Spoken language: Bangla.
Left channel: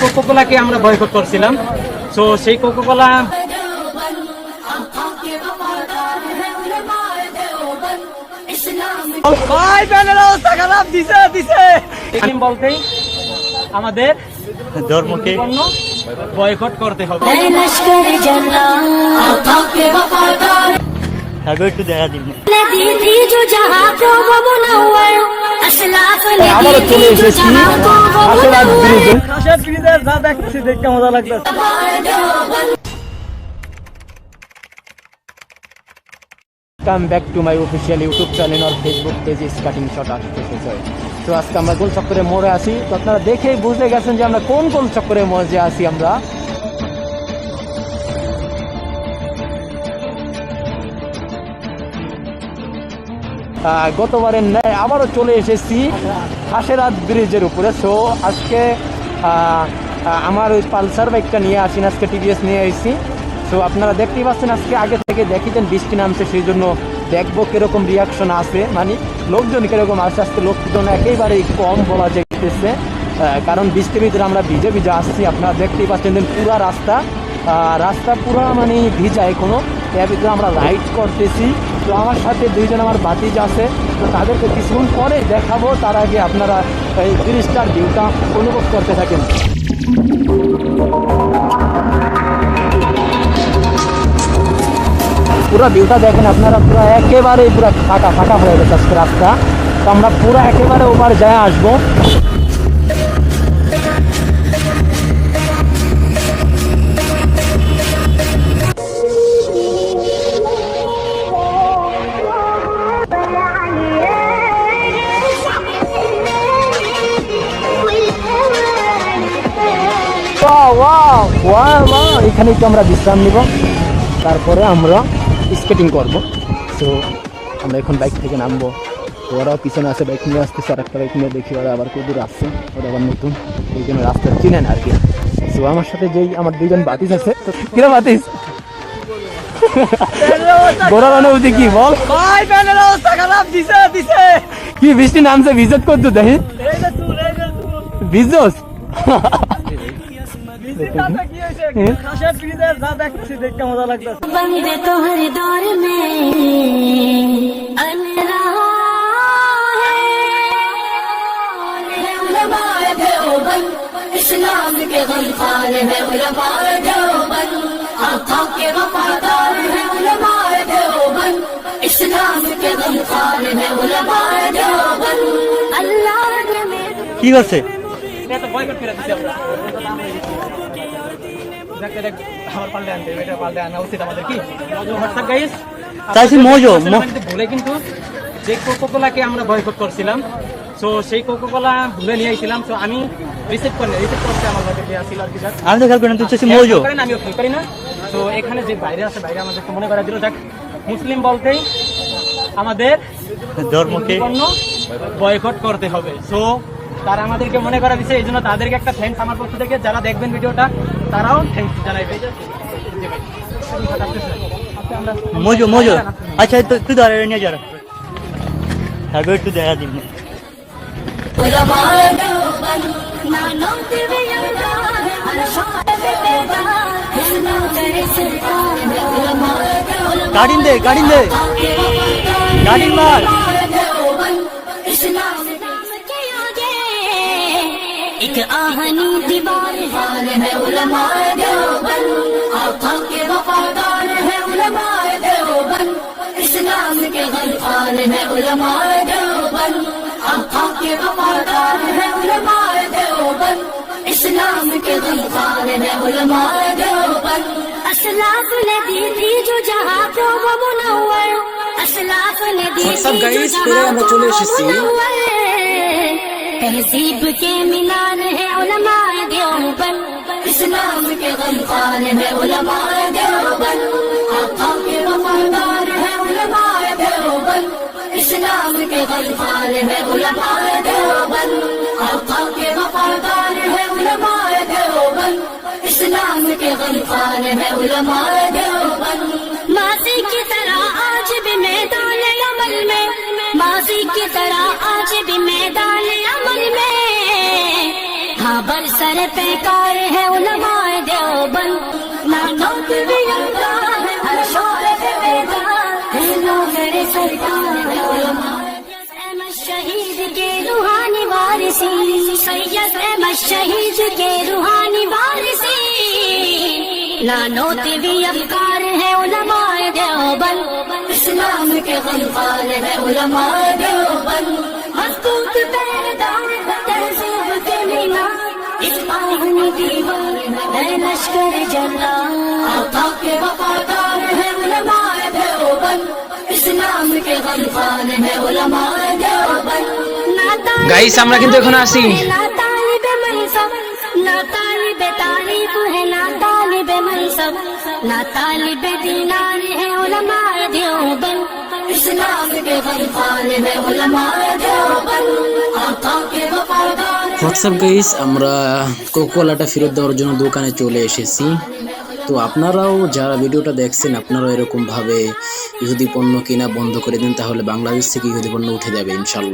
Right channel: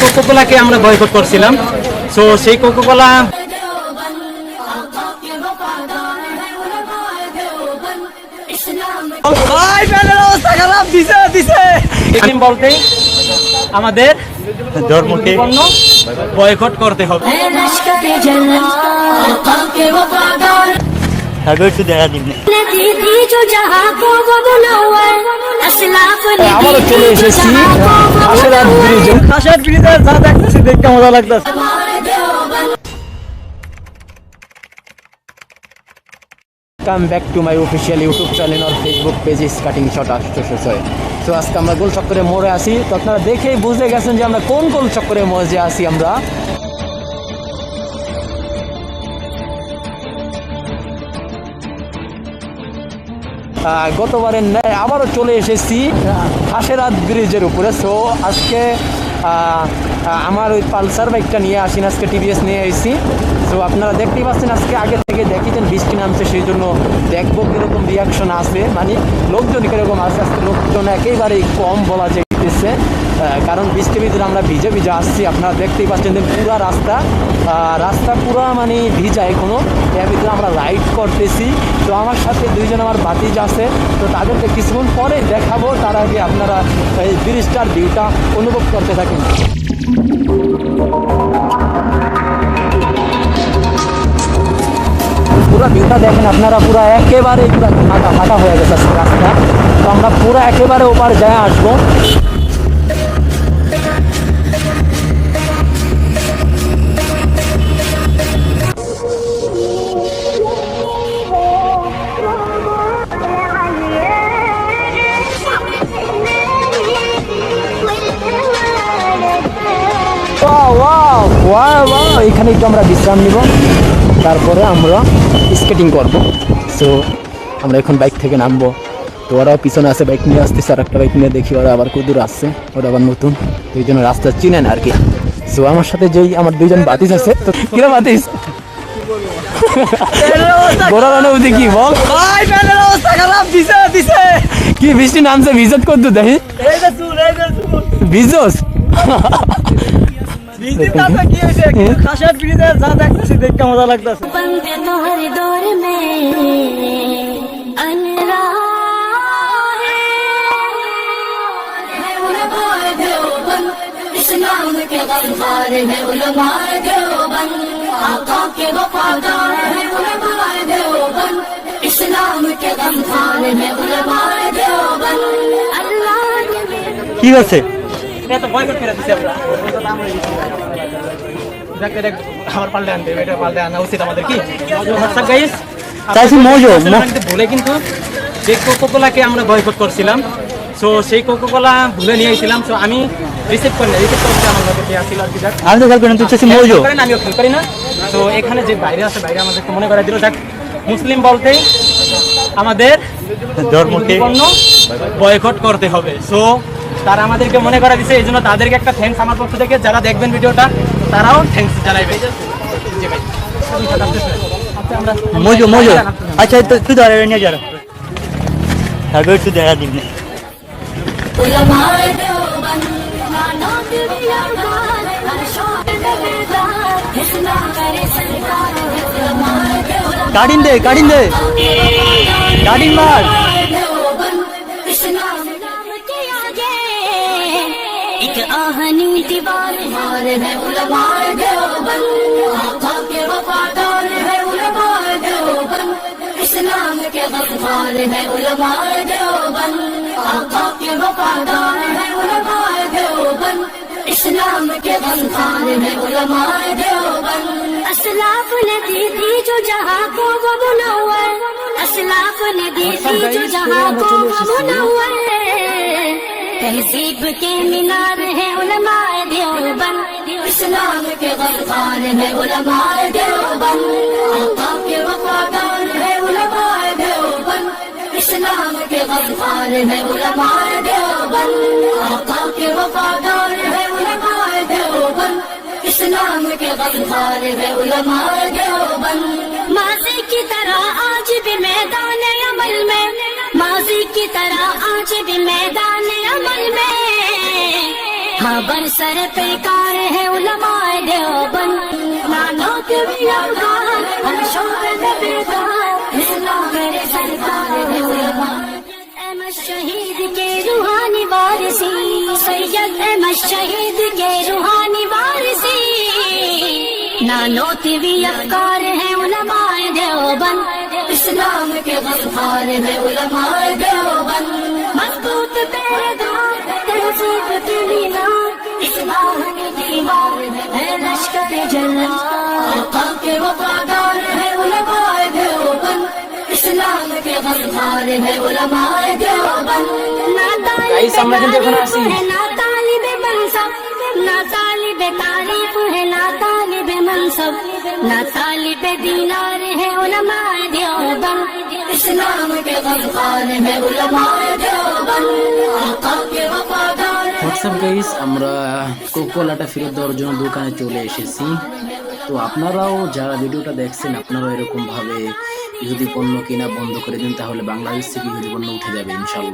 কোকোকোলাকে আমরা বয়কট করছিলাম। সো সেই কোকোকোলা বলতেই আমাদের ধর্মকে বয়কট করতে হবে। আবারও চলে এসেছি খাসেরহাট ব্রিজে। খাসেরহাট ব্রিজে যা দেখতেছি দেখতে মজা লাগতেছে। Come back to my official YouTube channel আর Facebook page is cutting shot 806। তো আজকে আমরা গোল চক্করে মোড়ে আসি। তো আপনারা দেখেই বুঝে গেছেন যে আমরা কোন গোল চক্করে মজে আসি। আমরা গতবারের ন্যায় আবারও চলে এসেছি খাসেরহাট ব্রিজের উপরে। সো আজকে আমার ওই পালসার বাইকটা নিয়ে আসি, আজকে টিভিএস নিয়ে এসেছি। সো আপনারা দেখতেই পাচ্ছেন আজকে আগে থেকে দেখেছেন বৃষ্টি নামছে, সেই জন্য দেখবো কীরকম রিয়াকশন আছে, মানে লোকজন কীরকম আছে। আজকে লোকজন একেবারেই কম বলা যাইতেছে, কারণ বৃষ্টির ভিতরে আমরা ভিজে ভিজে আসছি। আপনারা দেখতেই পাচ্ছেন যে পুরা রাস্তা পুরো মানে ভিজা এখনও। এর ভিতরে আমরা রাইড করতেছি। তো আমার সাথে দুইজন আমার বাতিজ আছে, তো তাদেরকে কিছুক্ষণ পরে দেখাবো। তার আগে আপনারা এই ব্রিজটার ভিউটা অনুভব করতে থাকেন। পুরো ভিউটা দেখেন আপনারা, পুরো একেবারেই পুরো ফাঁকা হয়ে গেছে আজকে রাস্তা। তো আমরা পুরো একেবারে ওপার যায় আসবো। এখানে একটু আমরা বিশ্রাম নিব, তারপরে আমরা স্কেটিং করব। সো আমরা এখন বাইক থেকে নামবো। তো ওরাও পিছনে আছে, বাইক নিয়ে আসতেছে। আর একটা বাইক নিয়ে দেখি ওরা আবার কত দূর আসছে, ওরা আবার নতুন, এই জন্য রাস্তা চিনেন আর কি। সো আমার সাথে যেই আমার দুইজন বাতিস আছে। তো কিরা বাতিস গোড়ার অনুভূতি কি বল? কি বৃষ্টি নামছে, ভিজত করতো দেখি ভিজস। খাসেরহাট ব্রিজে যা দেখতেছি দেখতে মজা লাগতেছে। इस्लाम के गमखार है उलमाए देवबंद, आका के वफादार है उलमाए देवबंद, इस्लाम के गमखार है उलमाए देवबंद, अल्लाह के কি আছে এটা বয়কট করে দিছি আমরা। দেখ আমার পাল্টে আনতে, এটা পাল্টে আনা উচিত আমাদের। কি হোয়াটসঅ্যাপ গাইস, চাইছি মজো ভুলে কিন্তু যে কোকোকোলাকে আমরা বয়কট করছিলাম। সো সেই কোকোকোলা ভুলে নিয়ে আইছিলাম। সো আমি রিসিভ করতে আমার লোকে দেওয়া ছিল আর কি। আমি তো খেয়াল করি না, তুই চাইছি মজো করেন, আমিও খেয়াল করি না। তো এখানে যে বাইরে আছে, বাইরে আমাদেরকে মনে করা দিল যাক মুসলিম বলতেই আমাদের ধর্মকে বয়কট করতে হবে। সো তারা আমাদেরকে মনে করা দিচ্ছে, এই জন্য তাদেরকে একটা থ্যাঙ্কস আমার পক্ষ থেকে। যারা দেখবেন ভিডিওটা তারাও থ্যাঙ্কস জানাইবে। জি ভাই, মজো মজো। আচ্ছা তুই ধরে নিয়ে যা, হ্যাঁ তুই দেখা দিন। গাড়িন দে গাড়িন মার। आहनी दीवार हार है उलमाए देवबंद, आका के वफादार है उलमाए देवबंद, इस्लाम के गमखार है उलमाए देवबंद, आका के वफादार है उलमाए देवबंद, इस्लाम के गमखार है उलमाए देवबंद, असलाफ ने दी थी जो जहां को वो मुनव्वर, असलाफ ने दी थी जो जहां को वो मुनव्वर, तहजीब के मीनार है उलमाए देवबंद, इस्लाम के गमखार है उलमाए देवबंद, आका के वफादार है उलमाए देवबंद, इस्लाम के गमखार है उलमाए देवबंद, आका के वफादार है उलमाए देवबंद, इस्लाम के गमखार है उलमाए देवबंद, माज़ी की तरह आज भी मैदान अमल में, माज़ी की तरह आज भी मैदान अमल में, हाँ बरस सर पे कार है उलमाए देवबंद ना नोट भी नमकार हर शोबे में बेदार है लो मेरे सरकार है उलमाए अहमद शहीद के रूहानी वारिसी सैयद अहमद शहीद के रूहानी वारिसी ना नोट भी अफकार है उलमाए देवबंद इस्लाम के गमखार है उलमाए देवबंद मजबूत पहरेदार तहजीब के मीनार इस आहनी दीवार है लश्कर जल्ला आका के वफादार है उलमाए देवबंद इस्लाम के गमखार है उलमाए देवबंद গাইস আমরা কিন্তু এখন আসি ना तालिबे मनसब ना तालिबे तारीफ है ना तालिबे मनसब ना तालिबे दीनार है उलमाए देवबंद इस्लाम के गमखार है उलमाए देवबंद आका के वफादार হোয়াটসঅ্যাপ গাইস, আমরা কোকোলাটা ফেরত দেওয়ার জন্য দোকানে চলে এসেছি। তো আপনারাও যারা ভিডিওটা দেখছেন আপনারাও এরকম ভাবে ইহুদি পণ্য কেনা বন্ধ করে দিন, তাহলে বাংলাদেশ থেকে ইহুদি পণ্য উঠে যাবে ইনশাল্লাহ।